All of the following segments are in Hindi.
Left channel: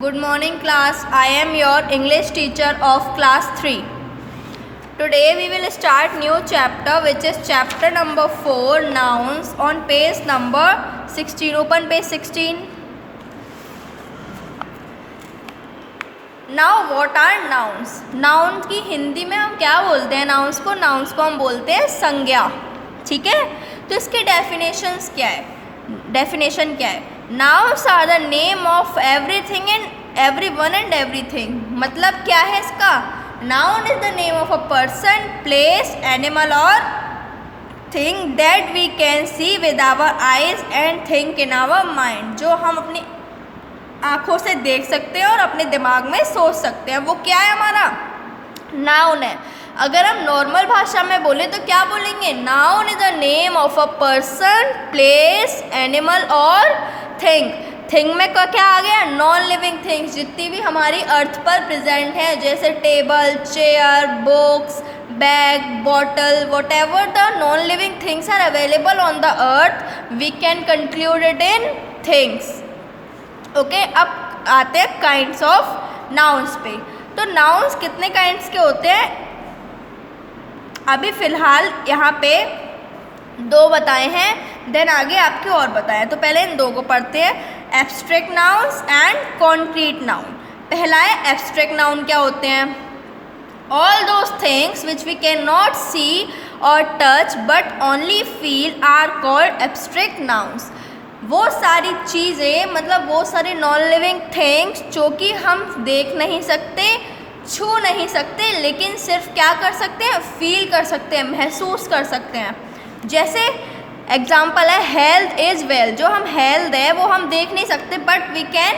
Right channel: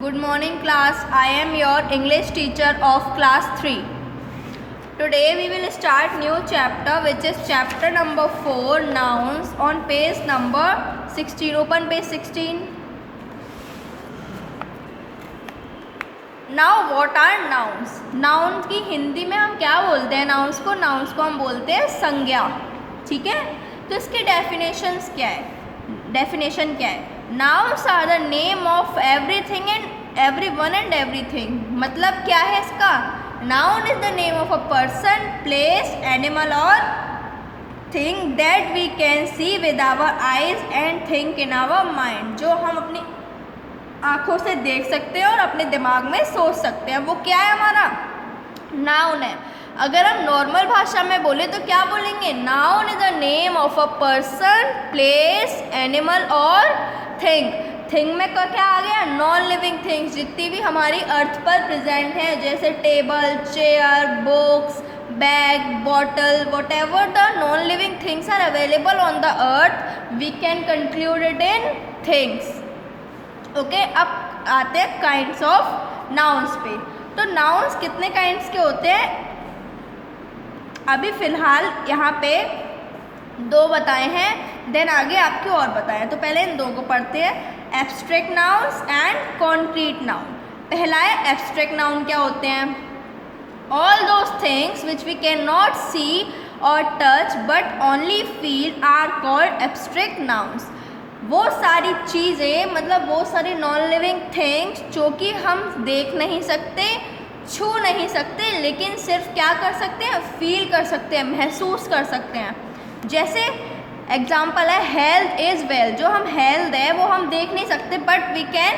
Good morning class, I am your English teacher of class 3. Today we will start new chapter which is chapter number 4 nouns on page number 16. Open page 16. Now what are nouns? Nouns की हिंदी में हम क्या बोलते हैं? nouns को हम बोलते हैं संज्ञा. ठीक है, तो इसकी डेफिनेशंस क्या है? डेफिनेशन क्या है? Nouns are the name of everything and everyone and everything. मतलब क्या है इसका? Noun is the name of a person, place, animal or thing that we can see with our eyes and think in our mind. जो हम अपनी आँखों से देख सकते हैं और अपने दिमाग में सोच सकते हैं, वो क्या है हमारा? नाउन है. अगर हम नॉर्मल भाषा में बोले तो क्या बोलेंगे? Noun is the name of a person, place, animal और थिंग. थिंग में क्या आ गया? नॉन लिविंग थिंग्स, जितनी भी हमारी अर्थ पर प्रेजेंट हैं, जैसे table, chair, books, bag, bottle, whatever the non living things are available on the earth, we can conclude it in things. Okay, अब आते हैं काइंड्स ऑफ नाउन्स पे. तो नाउन्स कितने काइंड्स के होते हैं? अभी फ़िलहाल यहाँ पे दो बताए हैं, देन आगे आपके और बताएं. तो पहले इन दो को पढ़ते हैं, abstract nouns and concrete noun. पहला है एब्स्ट्रैक्ट नाउन. क्या होते हैं? All those things which we can not see और touch but only feel are called abstract nouns. वो सारी चीज़ें, मतलब वो सारी नॉन लिविंग थिंग्स जो कि हम देख नहीं सकते, छू नहीं सकते, लेकिन सिर्फ क्या कर सकते हैं? फील कर सकते हैं, महसूस कर सकते हैं. जैसे एग्जाम्पल है हेल्थ इज़ वेल. जो हम हेल्थ है वो हम देख नहीं सकते but we can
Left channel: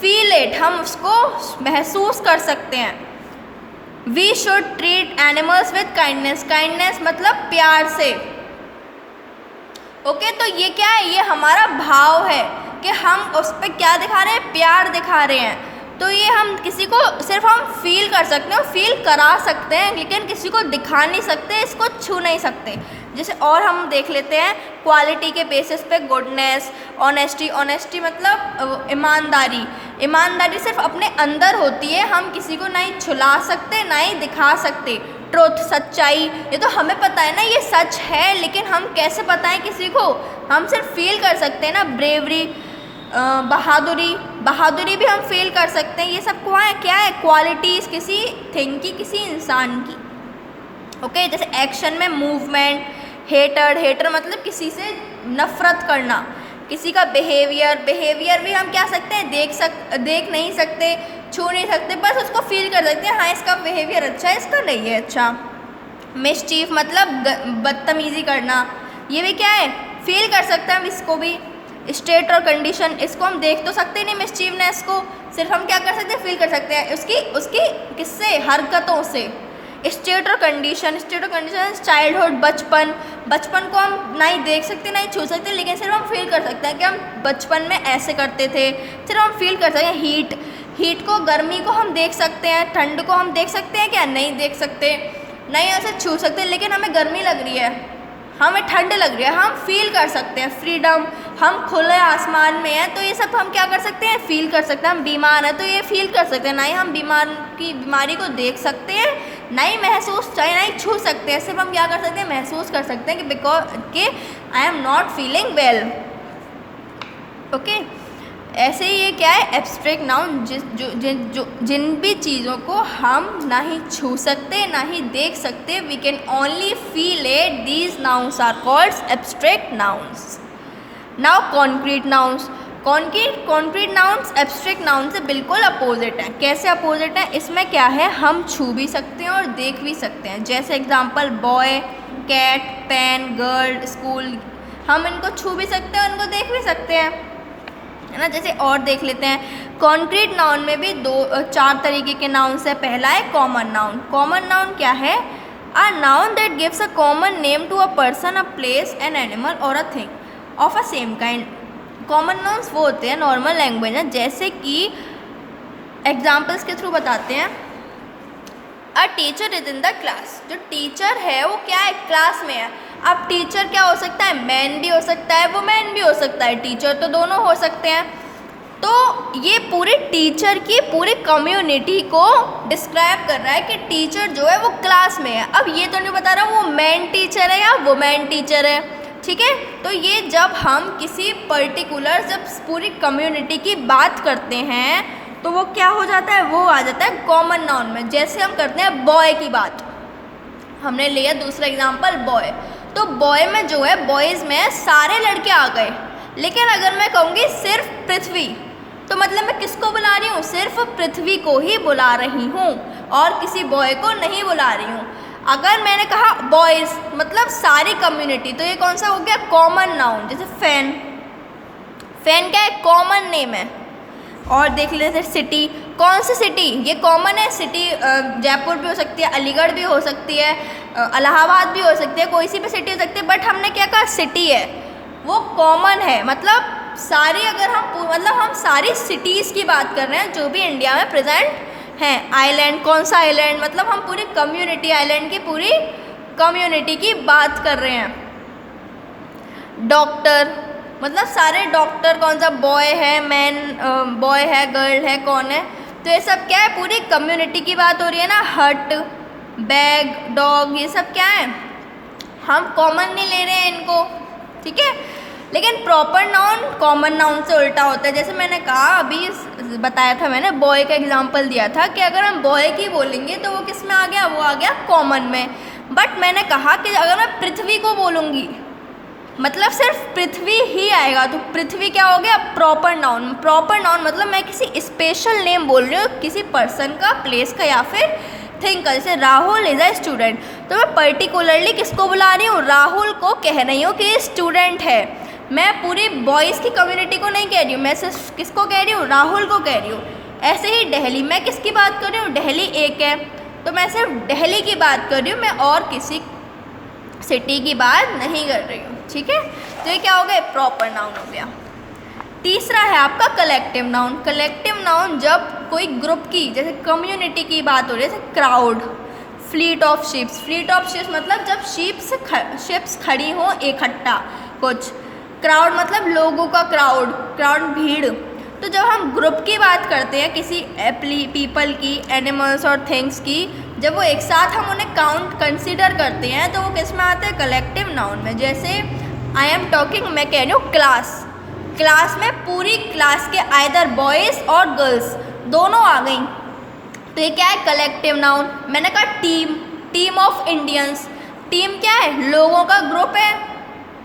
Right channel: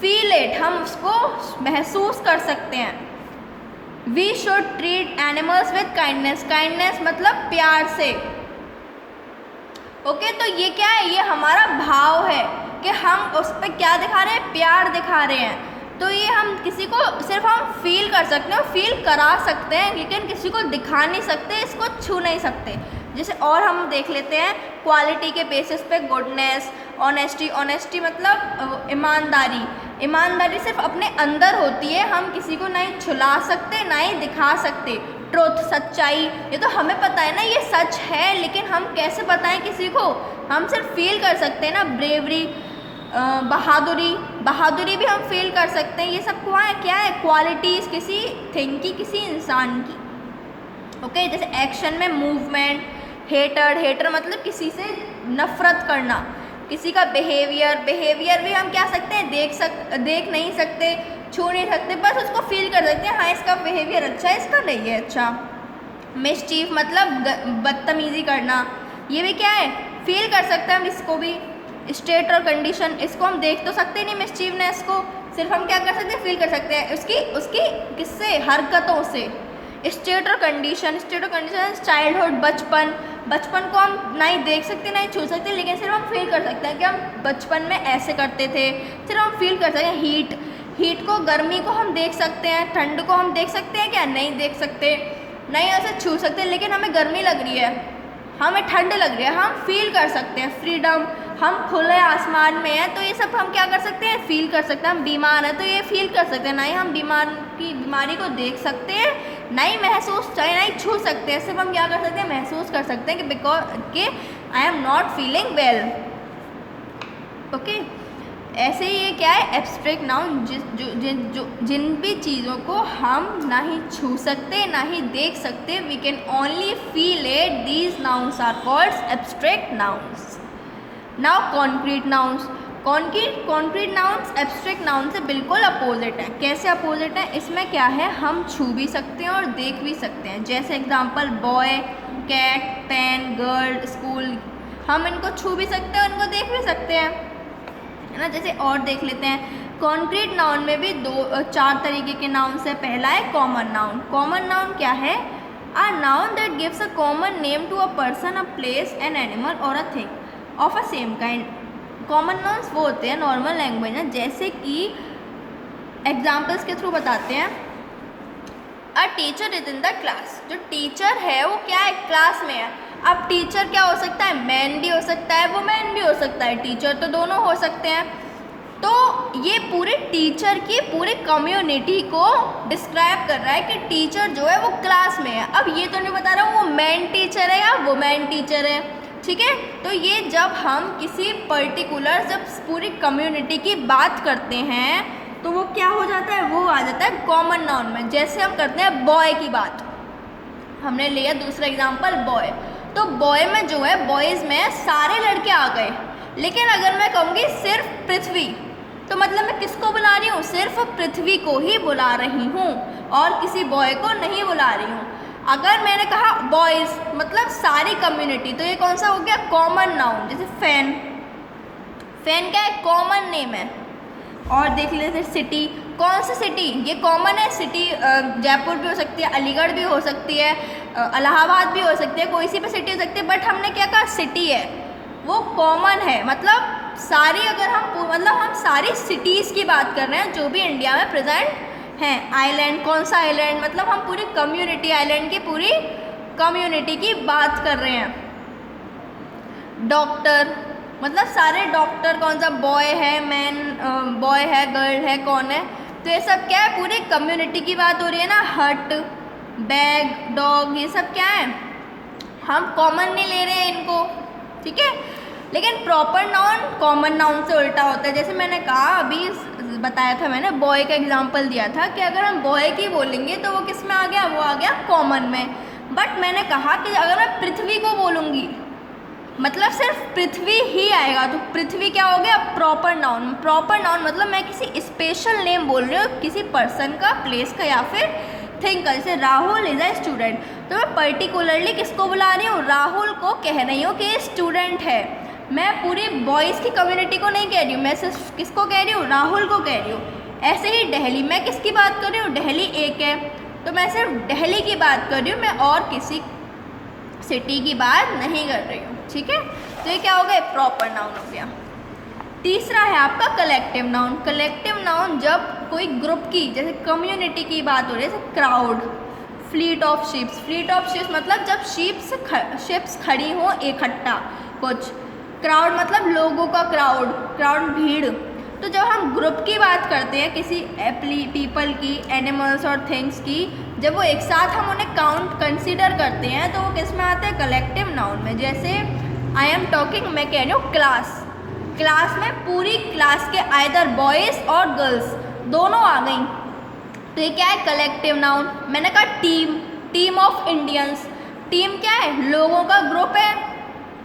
feel it, हम उसको महसूस कर सकते हैं. We should treat animals with kindness. Kindness मतलब प्यार से. ओके, तो ये क्या है? ये हमारा भाव है कि हम उस पर क्या दिखा रहे हैं? प्यार दिखा रहे हैं. तो ये हम किसी को सिर्फ हम फील कर सकते हैं, फील करा सकते हैं, लेकिन किसी को दिखा नहीं सकते, इसको छू नहीं सकते. जैसे और हम देख लेते हैं क्वालिटी के बेसिस पे गुडनेस, ऑनेस्टी. ऑनेस्टी मतलब ईमानदारी. ईमानदारी सिर्फ अपने अंदर होती है, हम किसी को नहीं छुला सकते, ना ही दिखा सकते. ट्रुथ, सच्चाई, ये तो हमें पता है ना ये सच है, लेकिन हम कैसे बताएं किसी को? हम सिर्फ फील कर सकते हैं ना. ब्रेवरी, बहादुरी, बहादुरी भी हम फील कर सकते हैं. ये सब क्या है? क्वालिटीज़ किसी थिंग की, किसी इंसान की. ओके, जैसे एक्शन में मूवमेंट. हेटर मतलब किसी से नफ़रत करना. किसी का बिहेवियर भी हम क्या सकते हैं? देख नहीं सकते, छू नहीं सकते, बस उसको फील कर सकते हैं. हाँ, इसका बिहेवियर अच्छा है, इसका नहीं है अच्छा. मिसचीफ मतलब बदतमीज़ी करना. ये भी क्या है? फील कर सकते हैं हम इसको भी. स्टेट और कंडीशन, इसको हम देख तो सकते नहीं मिसचीवनेस को, सिर्फ हम क्या कर सकते हैं? फील कर सकते हैं उसकी किससे? हरकतों से. स्टेट और कंडीशन चाइल्डहुड, बचपन को हम नहीं देख सकते, नहीं छू सकते, लेकिन सिर्फ हम फील कर सकते हैं कि हम बचपन में ऐसे करते थे. सिर्फ हम फील कर सकते हैं. हीट को, गर्मी को हम देख सकते हैं, ठंड को हम देख सकते हैं क्या? नहीं देख सकते, नहीं ऐसे छू सकते, लेकिन हमें गर्मी लग रही है, हमें ठंड लग रही है, हम फील कर सकते हैं. फ्रीडम, हम खुले आसमान में हैं, तो ये सब हम क्या कर सकते हैं? फील कर सकते हैं. हम बीमार हैं तो ये फील कर सकते हैं. ना ही हम बीमारी को देख सकते हैं, ना ही महसूस, चाहे ना ही छू सकते हैं, सिर्फ हम क्या कर सकते हैं? महसूस कर सकते हैं कि I am not feeling well. Okay, ऐसे ही ये क्या है? Abstract noun. जिन भी चीज़ों को हम ना ही छू सकते, ना ही देख सकते, we can only feel it, these nouns are called abstract nouns. Now concrete nouns. Concrete nouns abstract noun से बिल्कुल अपोजिट है. कैसे अपोजिट है? इसमें क्या है? हम छू भी सकते हैं और देख भी सकते हैं. जैसे example boy, cat, pen, girl, school, हम इनको छू भी सकते हैं और इनको देख भी सकते हैं, है ना. जैसे और देख लेते हैं, कॉन्क्रीट नाउन में भी 4 तरीके के नाउन्स है. पहला है कॉमन नाउन. कॉमन नाउन क्या है? A noun that gives a common name to a person, a place, an animal और a thing of a same kind. Common nouns वो होते हैं नॉर्मल लैंग्वेज में, जैसे कि एग्जाम्पल्स के थ्रू बताते हैं. A teacher is in the class. जो टीचर है वो क्या है? क्लास में है. अब टीचर क्या हो सकता है? मैन भी हो सकता है, वुमेन भी हो सकता है. टीचर तो दोनों हो सकते हैं. तो ये पूरे टीचर की पूरी कम्युनिटी को डिस्क्राइब कर रहा है कि टीचर जो है वो क्लास में है। अब ये तो नहीं बता रहा वो मैन टीचर है या वुमेन टीचर है, ठीक है। तो ये जब हम किसी पर्टिकुलर जब पूरी कम्युनिटी की बात करते हैं तो वो क्या हो जाता है, वो आ जाता है कॉमन नाउन में। जैसे हम करते हैं बॉय की बात, हमने लिया दूसरा एग्जाम्पल बॉय, तो बॉय में जो है बॉयज़ में सारे लड़के आ गए। लेकिन अगर मैं कहूँगी सिर्फ पृथ्वी, तो मतलब मैं किसको बुला रही हूँ, सिर्फ पृथ्वी को ही बुला रही हूँ और किसी बॉय को नहीं बुला रही हूँ। अगर मैंने कहा बॉयज़ मतलब सारी कम्युनिटी, तो ये कौन सा हो गया, कॉमन नाउन। जैसे फैन, फैन क्या है, कॉमन नेम है। और देख लेते सिटी, कौन सी सिटी, ये कॉमन है। सिटी जयपुर भी हो सकती है, अलीगढ़ भी हो सकती है, इलाहाबाद भी हो सकती है, कोई सी भी सिटी हो सकती है। बट हमने क्या कहा, सिटी है, वो कॉमन है। मतलब सारी, अगर हम सारी सिटीज़ की बात कर रहे हैं जो भी इंडिया में प्रेजेंट हैं। आइलैंड, कौन सा आइलैंड, मतलब हम पूरी कम्युनिटी, आइलैंड की पूरी कम्युनिटी की बात कर रहे हैं। डॉक्टर, मतलब सारे डॉक्टर, कौन सा बॉय है, मैन, बॉय है, गर्ल है, कौन है, तो ये सब क्या है, पूरी कम्युनिटी की बात हो रही है ना। हट, बैग, डॉग, ये सब क्या है, हम कॉमन नहीं ले रहे हैं इनको, ठीक है। लेकिन प्रॉपर नाउन कॉमन नाउन से उल्टा होता है। जैसे मैंने कहा, अभी बताया था मैंने, बॉय का एग्जांपल दिया था कि अगर हम बॉय की बोलेंगे तो वो किस में आ गया, वो आ गया कॉमन में। बट मैंने कहा कि अगर मैं पृथ्वी को बोलूँगी, मतलब सिर्फ पृथ्वी ही आएगा, तो पृथ्वी क्या हो गया, प्रॉपर नाउन। प्रॉपर नाउन मतलब मैं किसी स्पेशल नेम बोल रही हूँ, किसी पर्सन का, प्लेस का या फिर थिंग का। जैसे राहुल इज़ अ स्टूडेंट, तो मैं पर्टिकुलरली किसको बुला रही हूँ, राहुल को कह रही हूँ कि स्टूडेंट है। मैं पूरी बॉयज़ की कम्युनिटी को नहीं कह रही हूँ, मैं सिर्फ किसको कह रही हूँ, राहुल को कह रही हूँ। ऐसे ही दिल्ली, मैं किसकी बात कर रही हूँ, दिल्ली एक है, तो मैं सिर्फ दिल्ली की बात कर रही हूँ, मैं और किसी सिटी की बात नहीं कर रही हूँ, ठीक है। तो ये क्या हो गया, प्रॉपर नाउन हो गया। तीसरा है आपका कलेक्टिव नाउन। कलेक्टिव नाउन जब कोई ग्रुप की, जैसे कम्युनिटी की बात हो रही है, जैसे crowd, fleet of ships. Fleet of ships मतलब जब शिप्स खड़ी हो इकट्ठा कुछ। क्राउड मतलब लोगों का क्राउड, क्राउड भीड़। तो जब हम ग्रुप की बात करते हैं, किसी पीपल की, एनिमल्स और थिंग्स की, जब वो एक साथ हम उन्हें कंसीडर करते हैं तो वो किस में आते हैं, कलेक्टिव नाउन में। जैसे आई एम टॉकिंग, मैं कह रही हूँ क्लास, क्लास में पूरी क्लास के आइदर बॉयज़ और गर्ल्स दोनों आ गई, तो ये क्या है, कलेक्टिव नाउन। मैंने कहा team, team of Indians, team क्या है, लोगों का ग्रुप है,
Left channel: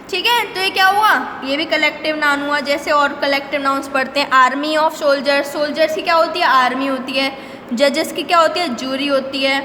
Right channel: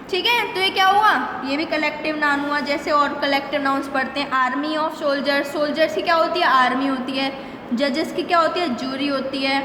ठीक है। तो ये क्या हुआ, ये भी कलेक्टिव नाउन हुआ। जैसे और कलेक्टिव नाउन्स पढ़ते हैं, आर्मी ऑफ सोल्जर्स, सोल्जर्स की क्या होती है, आर्मी होती है। जजेस की क्या होती है, जूरी होती है,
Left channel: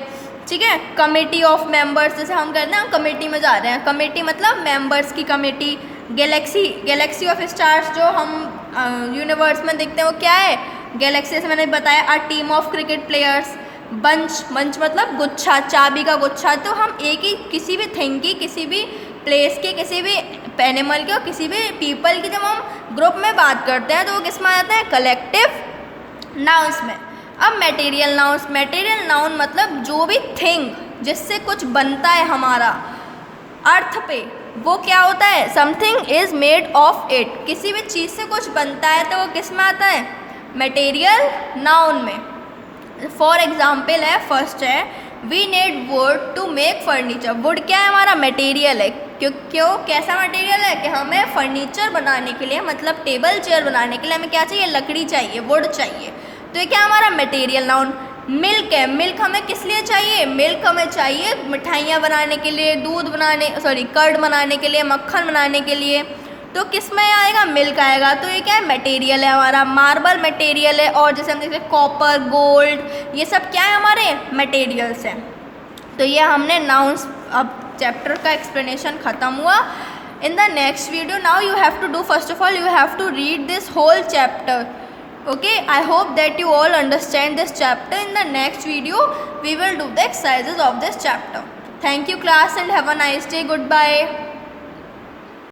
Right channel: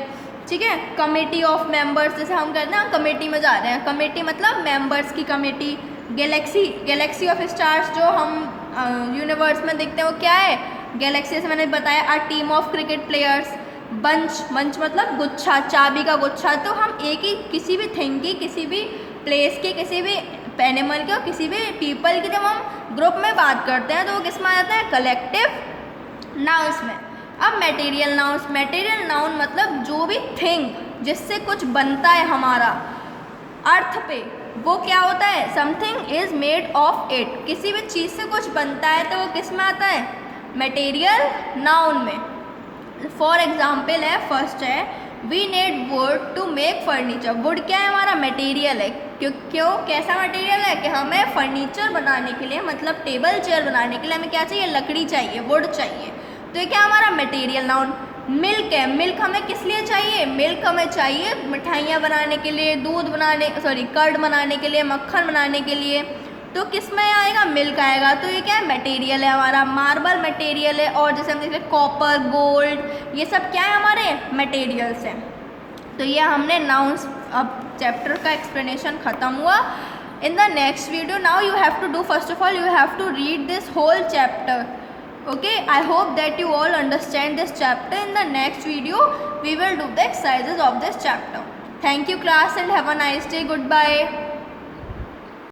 ठीक है। कमेटी ऑफ मेंबर्स, जैसे हम कहते हैं कमेटी में जा रहे हैं, कमेटी मतलब मेंबर्स की committee. Galaxy, Galaxy of stars जो हम यूनिवर्स में देखते हैं वो क्या है, गैलेक्सी से मैंने बताया। A team of cricket players. Bunch, bunch मतलब गुच्छा, चाबी का गुच्छा। तो हम एक ही किसी भी थिंग की, किसी भी प्लेस के, किसी भी एनिमल के और किसी भी पीपल की जब हम ग्रुप में बात करते हैं तो वो किस में आता है, कलेक्टिव नाउन्स में। अब मटेरियल नाउन्स। मटेरियल नाउन मतलब जो भी थिंग जिससे कुछ बनता है हमारा अर्थ पे, वो क्या होता है, something is made of it. किसी भी चीज़ से कुछ बनता है तो वो किस में आता है, मटेरियल नाउन में। फॉर एग्जाम्पल है, फर्स्ट है, we need wood to make furniture. Wood क्या है, हमारा मटेरियल है। क्यों कैसा मटेरियल है कि हमें फर्नीचर बनाने के लिए, मतलब टेबल चेयर बनाने के लिए हमें क्या चाहिए, लकड़ी चाहिए, वुड चाहिए। तो ये क्या हमारा मटेरियल नाउन। मिल्क है, मिल्क हमें किस लिए चाहिए, मिल्क हमें चाहिए मिठाइयाँ बनाने के लिए, दूध बनाने, कर्ड बनाने के लिए, मक्खन बनाने के लिए। तो किस में आएगा, मिल्क आएगा। तो ये क्या है, मटेरियल है हमारा। मार्बल मटेरियल है, और जैसे हम देखते हैं कॉपर, गोल्ड, ये सब क्या है, हमारे मटेरियल्स हैं। तो ये हमने नाउन्स, अब चैप्टर का एक्सप्लेनेशन ख़त्म हुआ। In the next video now you have to do, first of all you have to read this whole chapter. Okay, I hope that you all understand this chapter. In the next video we will do the exercises of this chapter. Thank you class and have a nice day. Goodbye.